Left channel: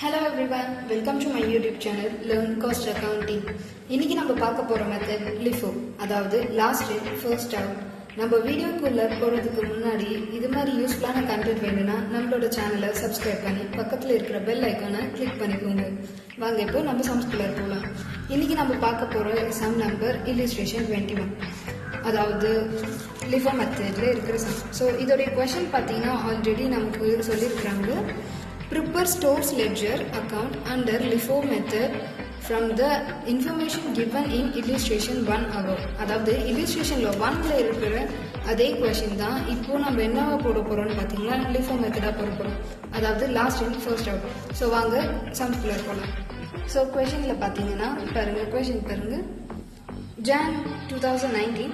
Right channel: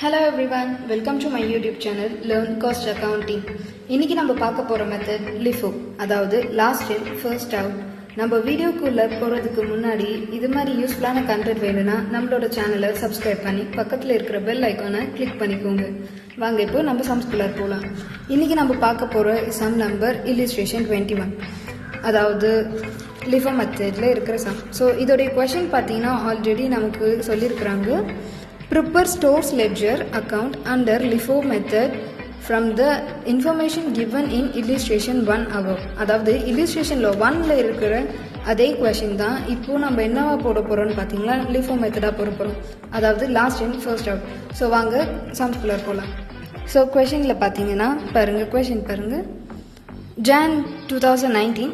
Hello everyone, welcome to my YouTube channel Learn Cost Accounting. இன்னைக்கு நம்ம பார்க்க போற மெத்தட் LIFO, அதாவது லாஸ்ட் இன் ஃபர்ஸ்ட் அவுட். நம்ம வீடியோக்குள்ள போறதுக்கு முன்னாடி இது மாதிரி யூஸ்ஃபுல்லான கண்டென்ட் வேணும்னா நம்மளோட சேனலை சப்ஸ்கிரைப் பண்ணி பக்கத்துல இருக்கிற பெல் ஐகானை கிளிக் பண்ணிக்கோங்க. வாங்க இப்போ நம்ம சம்ஸ்குள்ள போகலாம். இன்னைக்கு நம்ம பார்க்க போற சம் நம்பர் illustration 21, அதாவது LIFO மெத்தட்ல இருக்கிற சம். ஸோ இதோடைய கொஸ்டின் பார்த்தீங்கன்னா ஆல்ரெடி நமக்கு சொல்லியிருக்கிறாங்க. Prepare stores ledger account under LIFO method from the information given in illustration 1 above. அதாவது illustrationல 1ல இருக்கிற அதே கொஸ்டின் தான் இப்போ நம்ம என்னவா போட போறோம்னு பாத்தீங்களா, LIFO மெத்தடா போட போறோம், அதாவது last in first out. So வாங்க சம்ஸ்குள்ள போகலாம். ஸோ கொஸ்டின்ல பாத்தீங்கன்னா பாருங்க, கொஸ்டின் பாருங்க. Jan 2019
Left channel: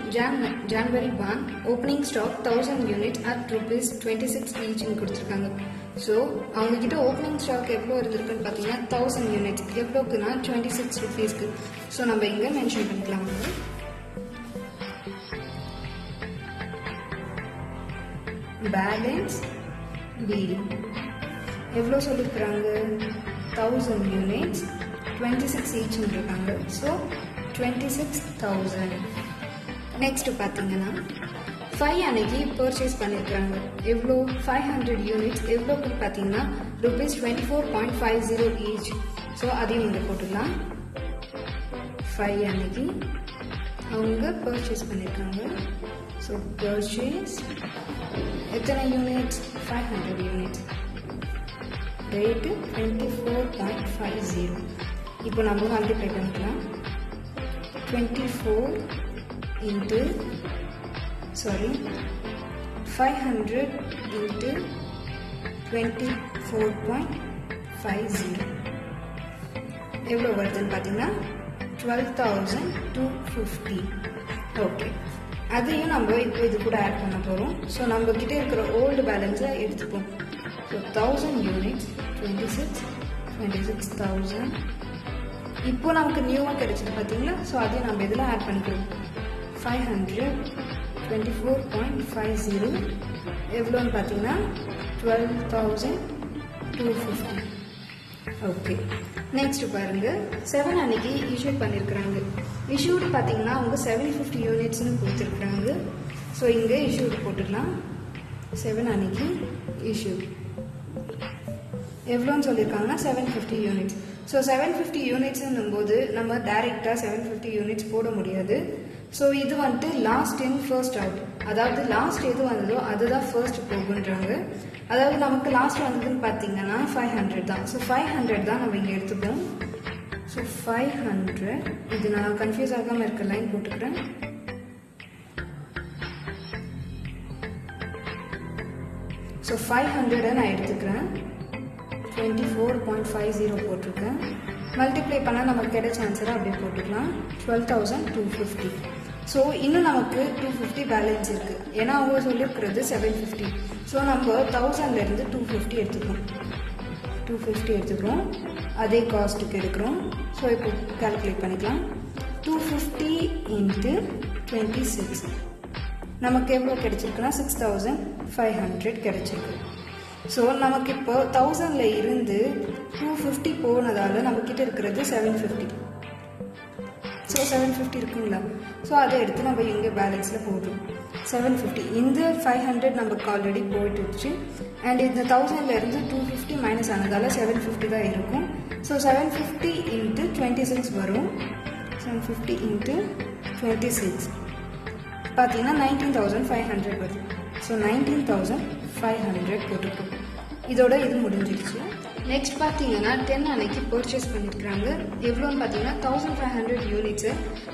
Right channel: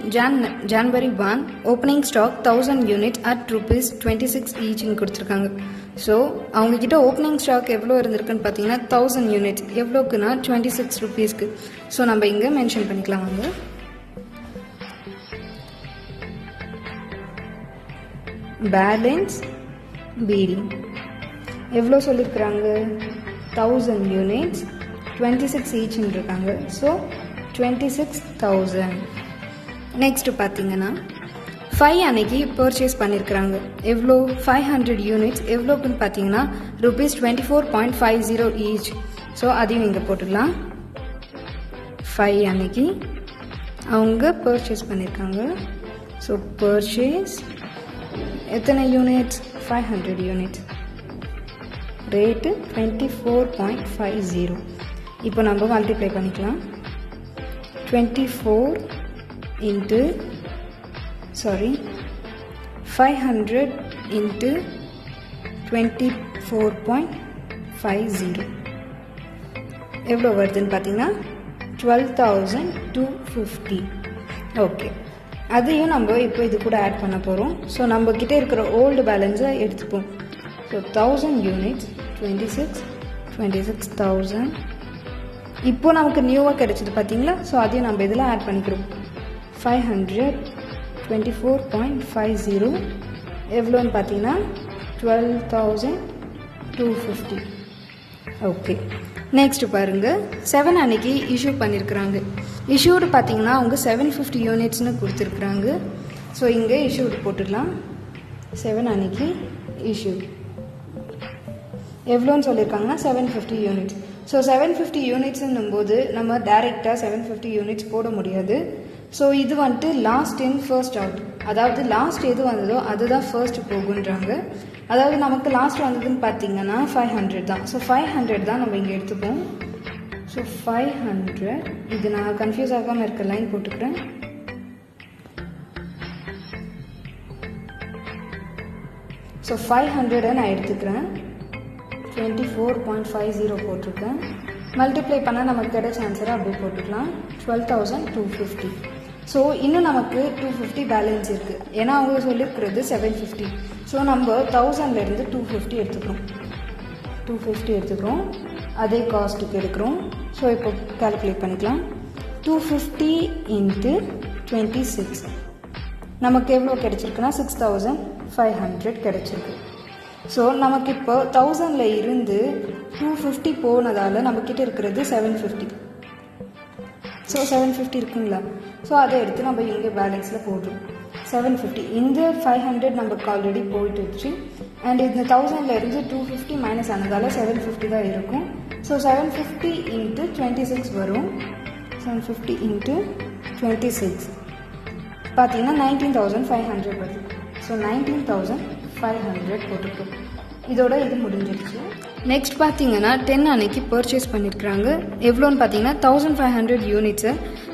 January 1 opening stock 1000 units at rupees 26 each ன்னு கொடுத்துருக்காங்க. ஸோ அவங்க கிட்ட ஓப்பனிங் ஸ்டாக் எவ்வளோ இருந்திருக்குன்னு பார்த்தீங்கன்னா 1000 யூனிட்ஸ். எவ்வளோக்குன்னா 26 rupeesக்கு. ஸோ நம்ம இங்கே மென்ஷன் பண்ணிக்கலாம். வந்து பேலன்ஸ் பிடி எவ்வளோ சொல்லியிருக்கிறாங்க, 1000 யூனிட்ஸ் 26 ஈச்ன்னு இருக்காங்க. ஸோ 26,000. நெக்ஸ்ட் பார்த்தீங்கன்னா 5 அன்னைக்கு பர்ச்சேஸ் பண்ணியிருக்கிறாங்க. எவ்வளோ, 500 யூனிட்ஸ். எவ்வளோக்குன்னு பார்த்தீங்கன்னா rupees 24.50 ஈச். ஸோ அதையும் நீங்கள் போட்டுக்கலாம். 5 அன்னைக்கு அவங்க பர்ச்சேஸ் பண்ணியிருக்காங்க. ஸோ பர்ச்சேஸ் எத்தனை யூனிட்ஸ், 500 யூனிட்ஸ். ரேட்டு 24.50. இப்போ நம்ம மல்டிப்ளை பண்ணிக்கலாம். 24 into 500 into 24.50 எவ்வளோ வருதுன்னு பார்த்தீங்கன்னா 12,250. ஓகே, அதையும் நம்ம இப்போ இது கூட ஆட் பண்ண போகிறோம். ஸோ நம்ம கிட்ட இருக்கிற ஓல்டு பேலன்ஸை எடுத்துப்போம். So 1000 units 26,000. இப்போ நமக்கு நியூவாக கிடைச்சிது பார்த்தீங்களா. ஸோ அதையும் நம்ம இதில் ஆட் பண்ணிக்கிறோம். 500 24.50 எவ்வளோன்னு பார்த்தீங்கன்னா 12,250. ஓகே, நெக்ஸ்ட் பாருங்க. 7 அன்னைக்கு இஷ்யூ பண்ணியிருக்கிறாங்க. இஷ்யூடு பார்த்தீங்கன்னா அவங்க 750 யூனிட்ஸ்னு கொடுத்துருக்குறாங்க. ஸோ இங்கே இஷ்யூடு போட்டுக்கலாம். 7 அன்னைக்கு இஷ்யூ எவ்வளோன்னு சொல்லியிருக்காங்கன்னா 750 யூனிட்ஸ். ஸோ 750 யூனிட்ஸ்ன்னும் போது நம்ம டைரெக்டாக 750 யூனிட்ஸ் போட முடியாது. ஸோ இது வந்துட்டு லாஸ்ட் இன் ஃபர்ஸ்ட் அவுட், அதாவது லாஸ்ட் எது வந்ததோ அதுதான் ஃபர்ஸ்ட் போகுன்றாங்க. அதாவது நமக்கு லாஸ்ட் வந்ததுன்னு பார்த்தீங்கன்னா 500 தான். ஸோ 500 தான் நம்ம இங்கே எடுத்துப்போம். ஸோ 500, இது நான் கன்ஃபியூஸ் ஆகாமல் இருக்க லைன் போட்டுக்கிறேன். ஸோ 500 நான் எடுத்துக்கிறேன். 24.50 போட்டிருக்கேன். மல்டிப்ளை பண்ணால் நமக்கு கிடைச்ச ஆன்சரை அப்படியே போட்டுக்கலாம். 12,250. ஸோ இன்னும் நமக்கு 250 பேலன்ஸ் இருக்குது. ஏன்னா அவங்க சொல்லியிருக்கிறது 750. ஸோ நம்ம 1000லேருந்து 250 எடுத்துக்கிறோம். 250 எடுத்துக்கிறோம், அதே காஸ்ட்டுக்கு எடுக்கிறோம். ஸோ இப்போ கால்குலேட் பண்ணிக்கலாம். 250 into 26 நமக்கு எவ்வளோ கிடைச்சிருக்குன்னா 6,500 கிடைச்சிருக்கு. ஸோ நமக்கு இப்போ 1000ல் இருந்து 250 போனதால் நம்மக்கிட்ட இருக்கிறது 750. ஸோ 750 இருக்குங்களா. ஸோ அதை எடுத்து நம்ம இங்கே பேலன்ஸில் போடுறோம். 750 இந்த 500 நமக்கு ஆல்ரெடி போயிட்டுருச்சு. அண்ட் இந்த 1000ல் இருந்து 250 மைனஸ் ஆனதால் 750 தான் இருக்கும். ஸோ 750 into 26 வரும். 750 into 26 பார்த்தீங்கன்னா 19,500 வருது. ஸோ 19,500 போட்டுட்டோம். இதோட இது முடிஞ்சிருச்சு. நெக்ஸ்ட் பார்த்தீங்கன்னா 10 அன்னைக்கு பர்ச்சேஸ் பண்ணியிருக்கிறாங்க. எவ்வளோன்னு பார்த்தீங்கன்னா 1500 யூனிட்ஸை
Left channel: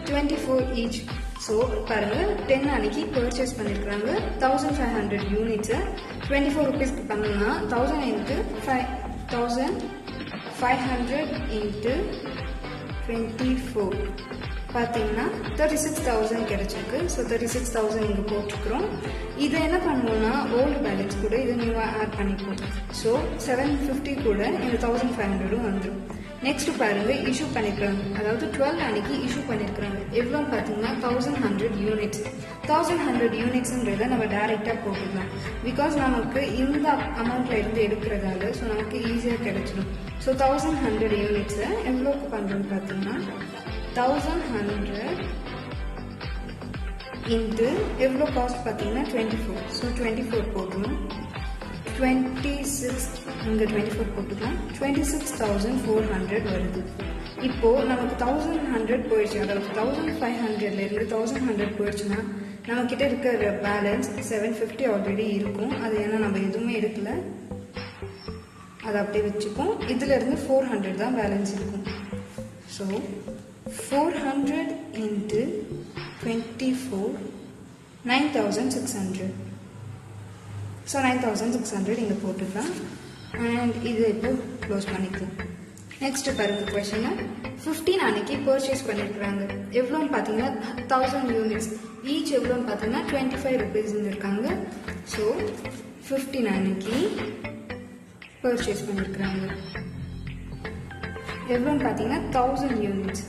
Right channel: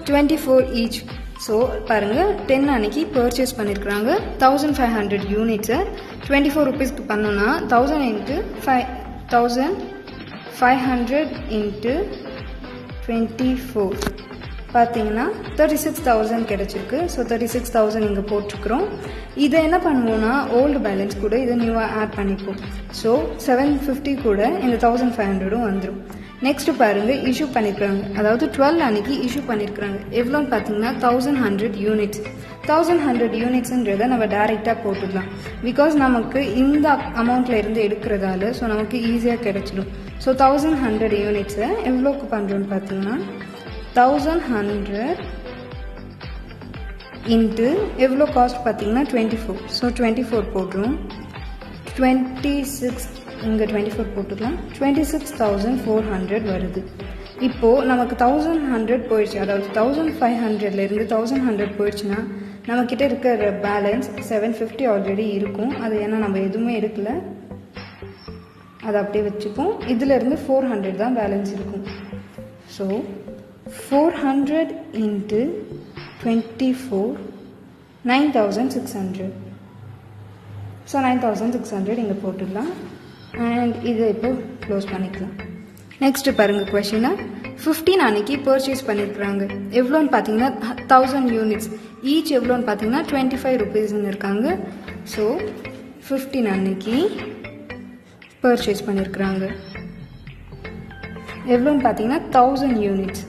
24 ஈச். ஸோ பாருங்கள், 10 அன்னைக்கு பர்ச்சேஸ் பண்ணியிருக்கிறாங்க. 1500 யூனிட்ஸை 24 rupeesக்கு பண்ணோன்னா 1000 into 1500 into 24 பார்த்தீங்கன்னா 36,000 கிடைச்சிருக்கு. ஸோ 36,000 இங்கே போட்டிருக்கிறோம். இதை என்ன பண்ணணும்னா ஓல்டு பேலன்ஸ் கூட இதை நியூவாக ஆட் பண்ணிக்கும். ஸோ 750 கூட இந்த 1500 வந்துடும். நெக்ஸ்ட் பாருங்க, இஷ்யூ பண்ணியிருக்காங்க, அதாவது 12 அன்னைக்கு இஷ்யூ பண்ணியிருக்காங்க. எவ்வளோன்னு பார்த்தீங்கன்னா 1100 யூனிட்ஸ். 1100 யூனிட்ஸுன்றதை நம்ம டைரெக்டாக போட்டுக்கலாம். பிகாஸ் நமக்கு இந்த அமௌண்ட்ல இருந்து எடுக்கிறதால ஸோ நமக்கு ஈஸியாக கிடைச்சிடும். ஸோ 1100 யூனிட்ஸை எவ்வளோக்கு பண்ணுறோன்னு பார்த்தீங்கன்னா 1100 இன்ட்டு எவ்வளோ காஸ்ட் பார்த்தீங்கன்னா 24. ஸோ 24 போட்டுரும். 26 இங்கே 24 போட்டுக்கலாம். 26,400 வருது. இப்போது நமக்கு 1100 போயிடுச்சு, அதாவது 1500லேருந்து 1100 போயிடுச்சுன்னா நம்மக்கிட்ட இருக்கிற பேலன்ஸ் 750 ஆல்ரெடி இருக்கும். அது ஏன்னா நம்ம எதுவுமே எடுக்கல, அதை அப்படியே வச்சுப்போம். இதிலேருந்து 400 தான் பேலன்ஸ் இருக்கும். So 400 into 24 9,600. ஸோ 9,600 இங்கே போட்டுக்கலாம். அண்ட் இது இப்போ க்ளோஸ் பண்ணிக்கலாம். நெக்ஸ்ட் பாருங்க, கொஷினை 15 அன்னைக்கு பர்ச்சேஸ் பண்ணியிருக்கிறாங்க. எவ்வளோன்னு பார்த்தீங்கன்னா 1000 யூனிட்ஸ். ஈச் எவ்வளோன்னு பார்த்தீங்கன்னா 25 ருபீஸ்ன்னு இருக்காங்க. ஸோ 15 அன்னைக்கு பர்ச்சேஸ் பண்ணியிருக்கிறாங்க. எவ்வளோன்னு பார்த்தீங்கன்னா 1000 யூனிட்ஸ்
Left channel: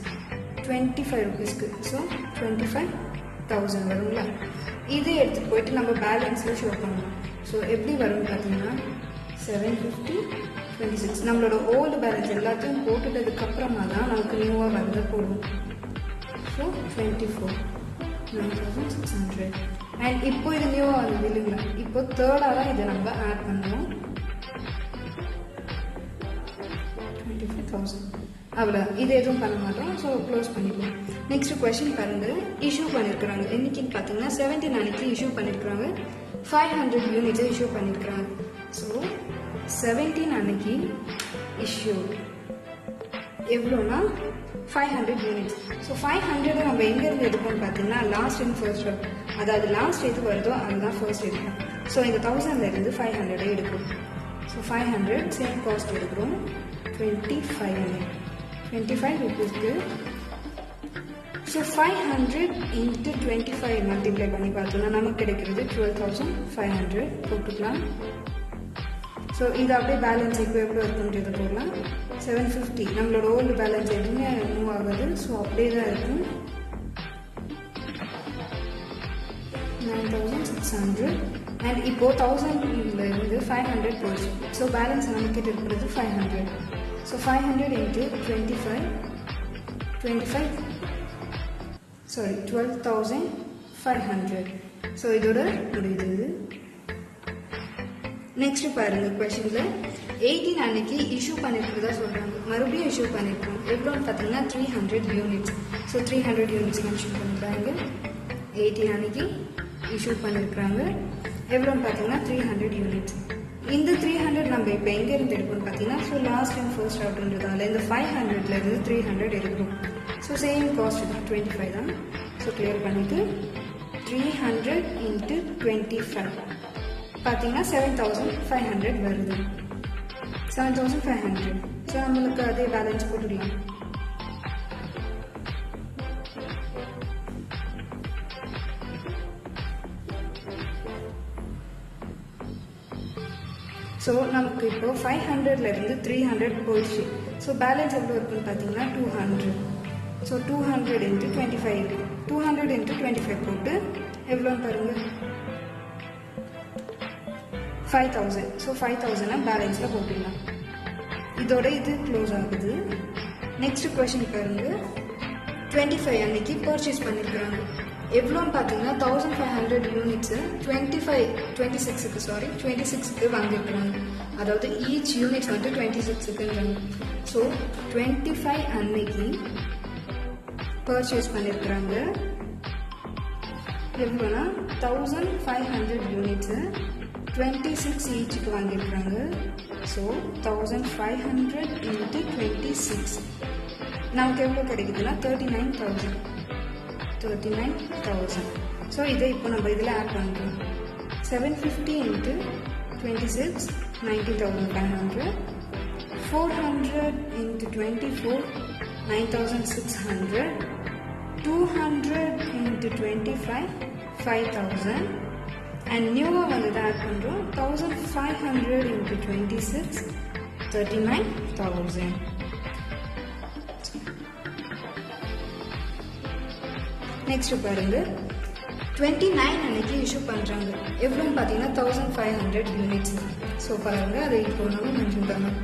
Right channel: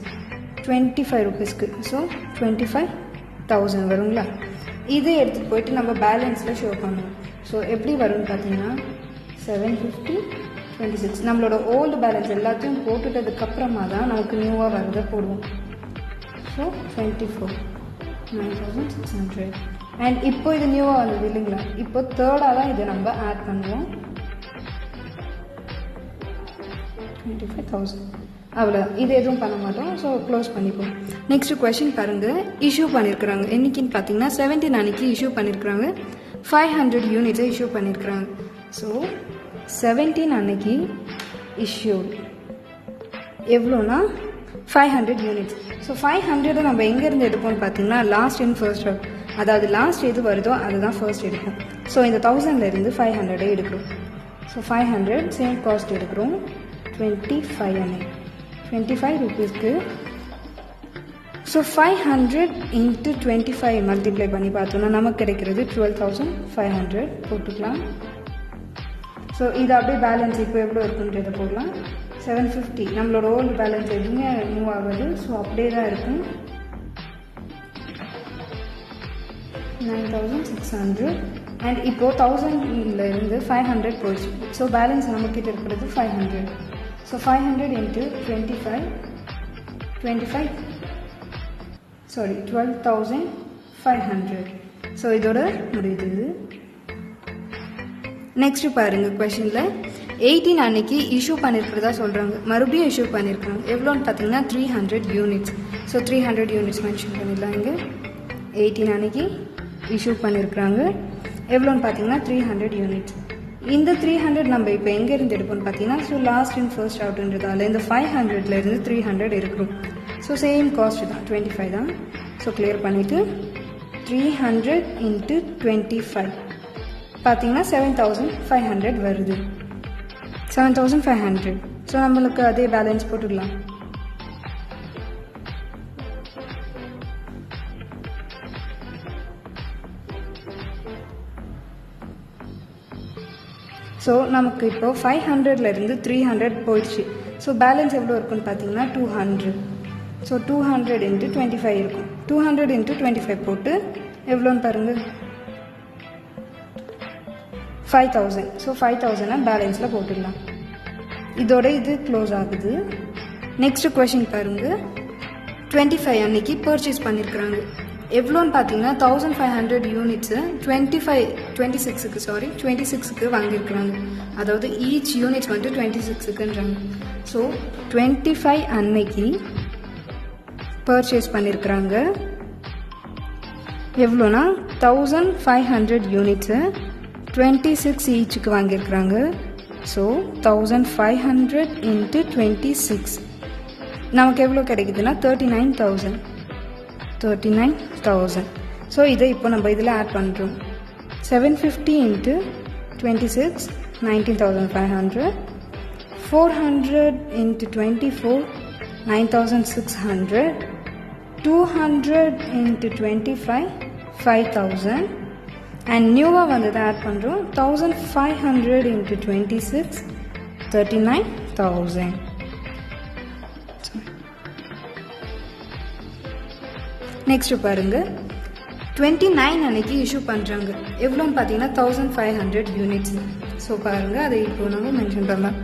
25 ருபீஸ்க்கு. ஸோ 25,000 வருங்களா? இதை எடுத்துகிட்டு போயிட்டு நம்ம பேலன்ஸில் ஷோ பண்ணணும். ஸோ எப்படி வரும்னு பார்த்தீங்கன்னா 750 26 நம்மளோட ஓல்டு பேலன்ஸ் எல்லாத்தையும் போட்டுட்டதுக்கப்புறமா தான் நமக்கு நியூவாக வரதை போடுவோம். ஸோ 24 9,600. அண்ட் இப்போ இது நியூவாக வந்தது இல்லைங்களா? இப்போ தேர்டாக தான் இதை நம்ம ஆட் பண்ணுவோம். 25,000 அவ்வளோதான். இது எதுவும் பண்ண மாட்டோம். ஸோ க்ளோஸ் பண்ணிப்போம். நெக்ஸ்ட் கொஸ்டின் பாருங்க, இஷ்யூ பண்ணியிருக்கிறாங்க. என்னைக்குன்னு பார்த்தீங்கன்னா 17 அன்னைக்கு இஷ்யூ பண்ணியிருக்கிறாங்க. 500 யூனிட்ஸை இஷ்யூ பண்ணியிருக்கிறாங்க. ஸோ 17 அன்னைக்கு இஷ்யூ எவ்வளோனா 500 யூனிட்ஸ். ஸோ 500 நம்ம எங்கேருந்து எடுப்போம்னு பார்த்தீங்கன்னா லாஸ்ட் அண்ட் ஃபர்ஸ்ட் அவுட், அதாவது லாஸ்ட் எது வருதோ அதுதான் ஃபர்ஸ்ட் எடுப்போம். ஸோ இந்த 1000லேருந்து 500 எடுக்கிறோம். ஸோ 500 சேம் காஸ்ட் எடுக்கிறோம். 25 ருபீஸ்க்கு. ஸோ 500 இன்ட்டு 25 மல்டிப்ளை பண்ணி பார்த்தோம்னா நமக்கு கிடைக்கிறது 12,500 போட்டுக்கலாம். ஸோ இது அப்படியே பேலன்ஸ் இப்போ எவ்வளோ இருக்குன்றதை போடலாம். 750 நம்மளோட ஓல்டு பேலன்ஸ் எதுவுமே மூவ் ஆகாது. ஸோ அப்படியே தான் இருக்கும். 9,600. அண்ட் இப்போது 1000லேருந்து 500 போயிடுச்சு. ஸோ பேலன்ஸ் நம்மக்கிட்ட இருக்கிறது 500. So 500 into 12,500. ஸோ இதோட முடியுது. நெக்ஸ்ட் பாருங்க, கொஸ்டினில் 18 அன்னைக்கு இஷ்யூ பண்ணியிருக்கிறதா சொல்கிறாங்க. மறுபடியும் இஷ்யூ பண்ணியிருக்காங்க. எவ்வளோன்னு பார்த்தீங்கன்னா 300 யூனிட்ஸ். ஸோ 300 யூனிட்ஸ் மென்ஷன் பண்ணிடலாம். இங்கே 18 அன்னைக்கு இஷ்யூ பண்ணியிருக்கிறாங்க. எவ்வளோன்னு பார்த்தீங்கன்னா 300 யூனிட்ஸ். இந்த 300 நம்ம இப்போ எங்கேருந்து எடுப்போம்னு பார்த்தீங்கன்னா ஸோ லாஸ்ட் அண்ட் ஃபர்ஸ்ட் அவுட்ன்றதால இந்த 500லேருந்து 300 எடுக்கிறோம். ஸோ சேம் காஸ்ட் தான் 25 தான். ஸோ கிளியர் பண்ணிவிட்டு 300 இன்ட்டு 25 பார்த்தீங்கன்னா 7,500 வருது. 7,500. ஸோ நம்மளுக்கு அதே பேலன்ஸ் போட்டுக்கலாம். ஸோ நமக்கு இப்போ 500லேருந்து 300 போயிடுச்சு. ஸோ பேலன்ஸ் எவ்வளோ இருக்குன்னு பார்த்தீங்கன்னா 200. ஸோ 200 இன்ட்டு 25 இருக்கும். 200 இன்ட்டு 25 போட்டு எவ்வளோன்னு பாருங்கள் 5,000. ஸோ 5,000 பேலன்ஸில் போட்டுடலாம். இதோட இது க்ளோஸ் ஆகுது. நெக்ஸ்ட் கொஸ்டின் பாருங்க, 25 அன்னைக்கு பர்ச்சேஸ் பண்ணியிருக்கிறாங்க. எவ்வளோன்னு பார்த்தீங்கன்னா 1500 யூனிட்ஸு 26க்கு வாங்கியிருக்கிறாங்க. அதாவது ஈச் யூனிட்ஸ் வந்து 26க்குன்றாங்க. ஸோ 25 அன்னைக்கு பர்ச்சேஸ் பண்ணியிருக்கிறாங்க. எவ்வளோனா 1500 யூனிட்ஸு 26 ஈச்சுக்கு வாங்கியிருக்கிறாங்க. ஸோ 1500 இன்ட்டு 26 நமக்கு எவ்வளோ கிடைக்குதுன்னா 39,000. ஸோ இதை இப்போ நம்ம இதில் ஆட் பண்ணுறோம். 750 இன்ட்டு 26 19,500. 400 இன்ட்டு 24 9,600. 200 into 25 5000 and நியூவாக வந்து ஆட் பண்ணுறோம் 1500 into 26 39000. நெக்ஸ்ட் பாருங்க 29 அன்னைக்கு இஷ்யூ பண்ணுறாங்க எவ்வளோன்னு பார்த்தீங்கன்னா 1500 யூனிட்ஸ். ஸோ பாருங்க அதை இப்போ நம்ம மென்ஷன் பண்ணலாம்.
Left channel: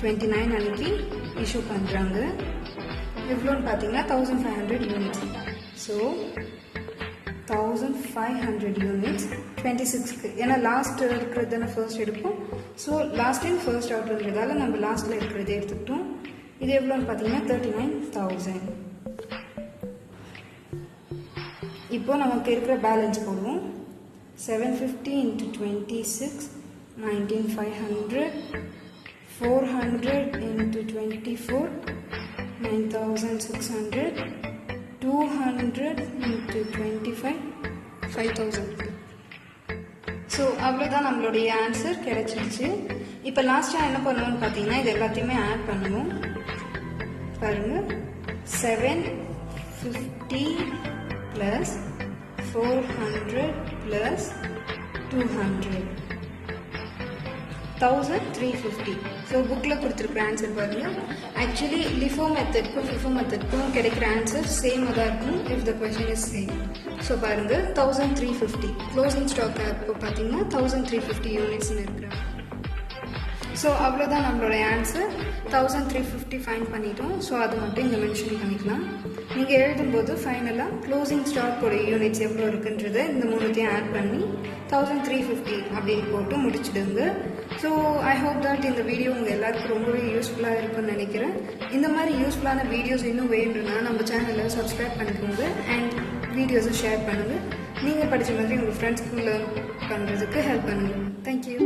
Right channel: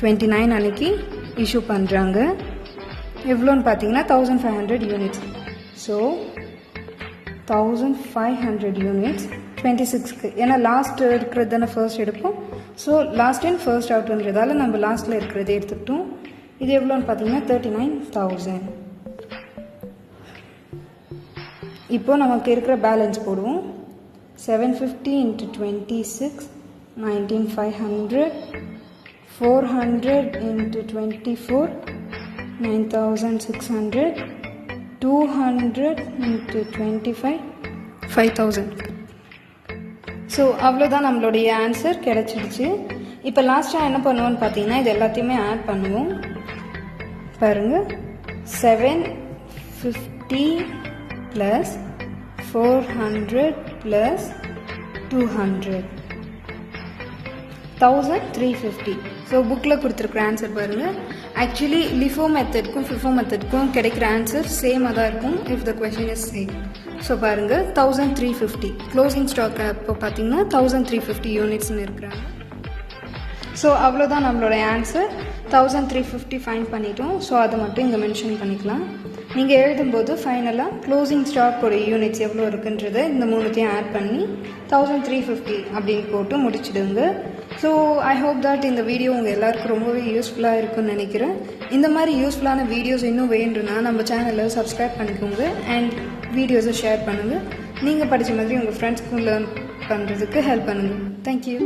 29 அன்னைக்கு இஷ்யூ பண்ணுறாங்க எவ்வளோன்னு பார்த்தீங்கன்னா 1500 யூனிட்ஸ். ஸோ 1500 யூனிட்ஸ் 26க்கு ஏன்னா லாஸ்ட் இருக்கிறது தானே ஃபர்ஸ்ட் எடுப்போம். ஸோ லாஸ்ட் அண்ட் ஃபர்ஸ்ட் அவுட்ன்றதால நம்ம லாஸ்ட்டில் இருக்கிறத எடுத்துக்கிட்டோம். இது எவ்வளோன்னு பார்த்தீங்கன்னா 39000. இப்போ நமக்கு இருக்கிற பேலன்ஸ் போடுவோம். 750 into 26 19500 400 into 24 9600 200 into 25 5000. ஸோ அவ்வளோதான் நம்மளுடைய ஆன்சர் கிடைச்சிருச்சு. இப்போ லாஸ்ட்டாக என்ன பண்ணுவோம்னு பார்த்தீங்கன்னா இது எல்லாத்தையுமே ஆட் பண்ணுவோம். பாருங்கள் 750 plus 400 plus 200 1350. ஸோ புக்கில் கொடுத்துருக்குற ஆன்சர் பாருங்கள். ஆக்சுவலி லிஃபோ மெத்தட்க்கும் ஃபிஃபோ மெத்தட்க்கும் கிடைக்கிற ஆன்சர் சேமாக தான் இருக்கும் if the question is same. So பாருங்கள் 1350 க்ளோசிங் ஸ்டாக் அப்போ பார்த்தீங்கன்னா 1350 யூனிட்ஸ்னு இருக்கிறாங்க. ஸோ அவ்வளோதான் நம்மளோட ஆன்சர். 1350 ஃபைன் பண்ணிட்டோம். ஸோ அதை மட்டும் இங்கே மென்ஷன் பண்ணிக்கலாம். நீங்கள் எழுதும்போது ஃபைனலாக க்ளோசிங் ஸ்டாக்கோட யூனிட்ஸ் எவ்வளோ இருக்குன்றதை இந்த மூணுத்தையும் ஆட் பண்ணி 1350 அப்படின்னு போட்டு முடிச்சிடுங்க. ஸோ ஐ ஹோப் தட் இந்த வீடியோ உங்கள் எல்லாருக்கும் ரொம்பவே யூஸ்ஃபுல்லாக இருக்கும்னு நினைக்கிறேன். இந்த மாதிரி யூஸ்ஃபுல்லான வீடியோஸ் இன்னும் வேண்டும்னா நம்ம சேனலை சப்ஸ்கிரைப் பண்ணிக்கோங்க அண்ட் வீடியோஸை ஷேர் பண்ணுங்கள். நீங்கள் படித்த மாதிரி உங்கள் ஃப்ரெண்ட்ஸ்க்கு லேர்ன் பண்ணுறதுக்கு ஹெல்ப் பண்ணுங்கள். தேங்க்யூ.